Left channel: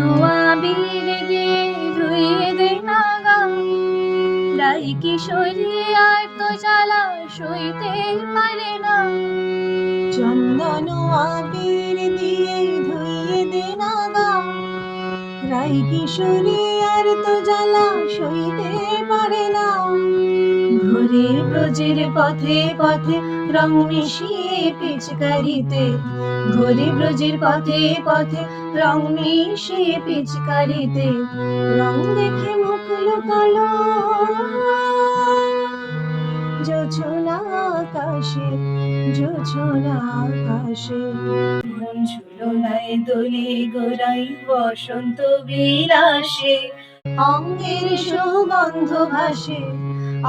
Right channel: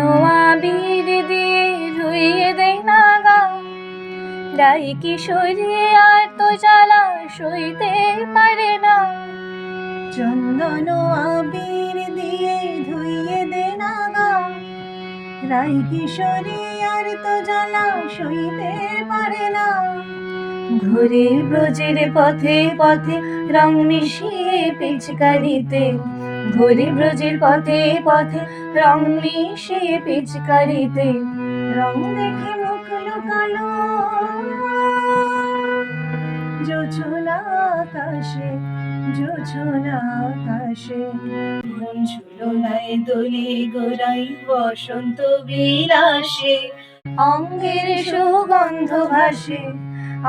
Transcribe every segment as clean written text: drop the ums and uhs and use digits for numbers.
আবির দিয়ে ধুইয়ে দেয় না গা, গাই কিশোরী আর তো জ্বালা সইতে পারে না। চন্দন আবির দিয়ে ধুইয়ে দে না গা, রাই কিশোরী আর তো জ্বালা সইতে পারে না। ঘুরে ব্রজের পথে পথে রং মিশিয়ে পিচকারিতে, ঘুরে ব্রজের পথে পথে রং মিশিয়ে পিচকারিতে, রং দেখে মুখ লুকালো জোছনা আকাশে, জোছনা আকাশে। মন ঝুলনায় দোলে গোড়াই বসন্ত বিলাসে, অঙ্গের সুগন্ধ ভাসে,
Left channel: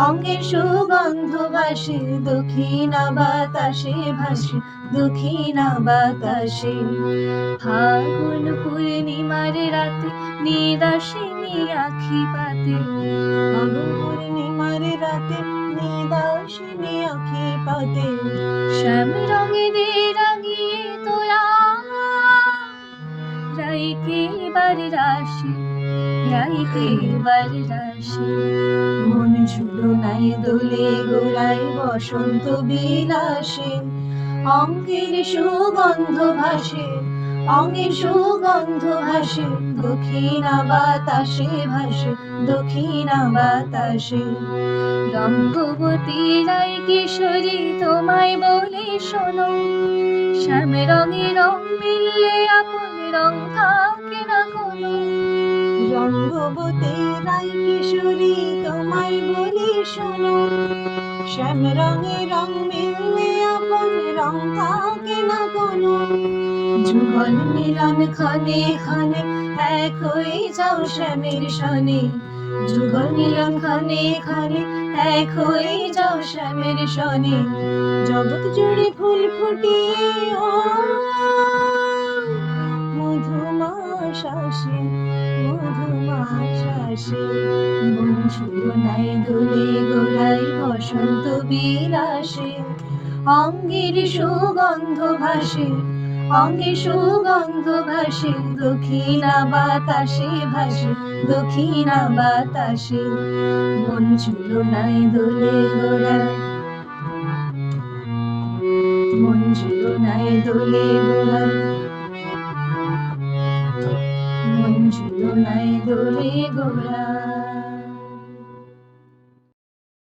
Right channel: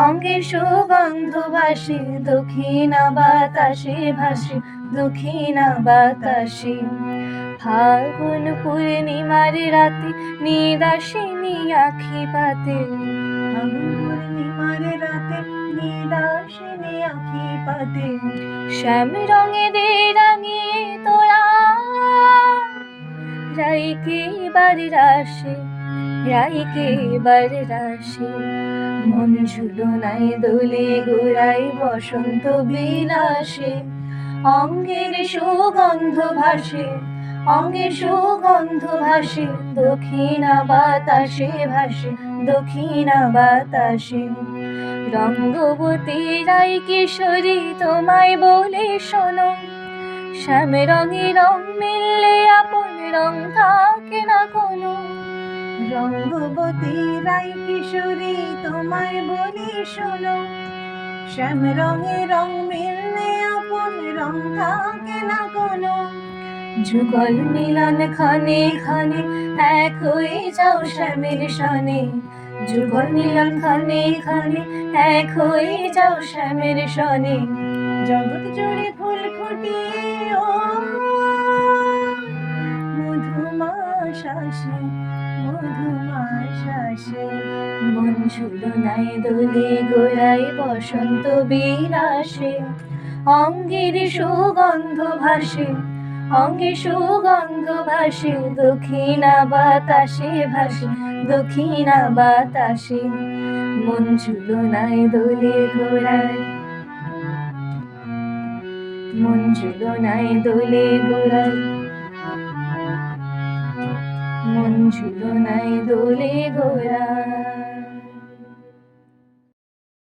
অঙ্গের সুগন্ধ ভাসে, দক্ষিণা বাতাসে ভাসে, দক্ষিণা বাতাসে। ফাগুন পূর্ণিমার রাতে নিদাসিনী আখি পাতে, ফাগুন পূর্ণিমার রাতে নিদাসিনী আঁখি পাতে। শ্যাম রঙে দে রাঙিয়ে তোরা রাইকে বাড়ি রাশে, রাইকে বাড়ি রাশে। মন ঝুলনায় দোলে গোড়ায় বসন্ত বিলাসে, অঙ্গের সুগন্ধ ভাসে, অঙ্গের সুগন্ধ ভাসে, দক্ষিণা বাতাসে ভাসে, দক্ষিণা বাতাসে। রঙ্গবতী রাই কিশোরী তোমায় বলে শোনো, শ্যাম রঙে রং মিললে আপন রং থাকে না কোনো। রঙ্গবতী রাই কিশোরী তোমায় বলি শোনো, শ্যাম রঙে রং মিললে আপন রং থাকে না কোনো। যুগল মিলন ক্ষণে ক্ষণে এক হয়ে যাও শ্যামের সনে, যুগল মিলন ক্ষণে ক্ষণে এক হয়ে যাও শ্যামের সনে। জগৎ জুড়ে ফুল ফুটিয়ে ও মধুমাস আসে, মধুমাস আসে। মন ঝুলনায় দোলে গোড়ায় বসন্ত বিলাসে, অঙ্গের সুগন্ধ ভাসে, অঙ্গের সুগন্ধ ভাসে, দক্ষিণা বাতাসে ভাসে, দক্ষিণা বাতাসে। মন ঝুলনায় দোলে গোড়ায়, মন ঝুলনায় দোলে গোড়ায়, মন ঝুলনায় দোলে গোড়ায়।